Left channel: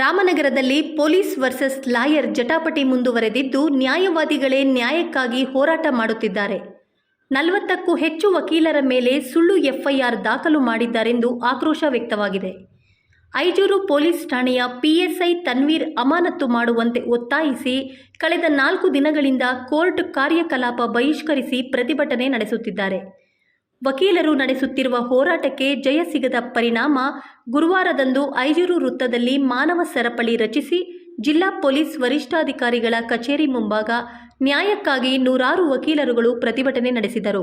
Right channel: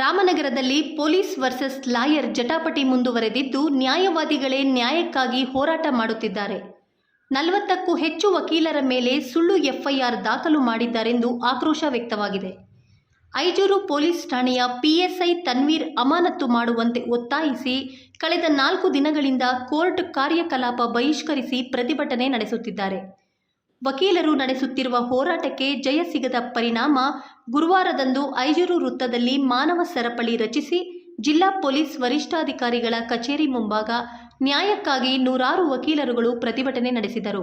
ರಾಮನಗರದಲ್ಲಿ police versus lawyer ಜಟಾಪಟಿ ಮುಂದುವರೆದಿದ್ದು ನ್ಯಾಯವಾದಿಗಳೇ ನ್ಯಾಯಕ್ಕಾಗಿ ಹೋರಾಟ ಮಾಡುತ್ತಿದ್ದಾರೆ. ನಲವತ್ತಕ್ಕೂ ಹೆಚ್ಚು ವಕೀಲರ ಮೇಲೆ ಸುಳ್ಳು ಎಫ್ಐಆರ್ ದಾಖಲು ಮಾಡಿದ್ದಾರೆಂದು ಆಕ್ರೋಶ ವ್ಯಕ್ತವಾಗಿದೆ. ಐಜೂರು ಪೊಲೀಸ್ ಠಾಣೆಯ ಪಿಎಸ್ಐ ತನ್ವೀರ್ ಅಮಾನತ್ತು ಮಾಡುವಂತೆ ಒತ್ತಾಯಿಸಿ ಕಳೆದ ನಾಲ್ಕು ದಿನಗಳಿಂದ ಕೋರ್ಟ್ ಕಾರ್ಯಕಲಾಪ ಬಹಿಷ್ಕರಿಸಿ ಪ್ರತಿಭಟನೆ ನಡೆಸುತ್ತಿದ್ದಾರೆ. ವಕೀಲರು ನಡೆಸುತ್ತಿರುವ ಹೋರಾಟಕ್ಕೆ ಜಯ ಸಿಗದ ಪರಿಣಾಮ ಗುರುವಾರದಂದು ಐಜೂರು ವೃತ್ತದಲ್ಲಿ ಮಾನವ ಸರಪಳಿ ರಚಿಸಿ ಜಿಲ್ಲಾ ಪೊಲೀಸ್ ವರಿಷ್ಠಾಧಿಕಾರಿಗಳ ಕಚೇರಿ ಮುಂಭಾಗ ನ್ಯಾಯಕ್ಕಾಗಿ ನೂರಾರು ವಕೀಲರುಗಳು ಪ್ರತಿಭಟನೆ ನಡೆಸಿದರು.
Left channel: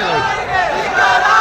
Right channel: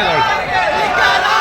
जवळ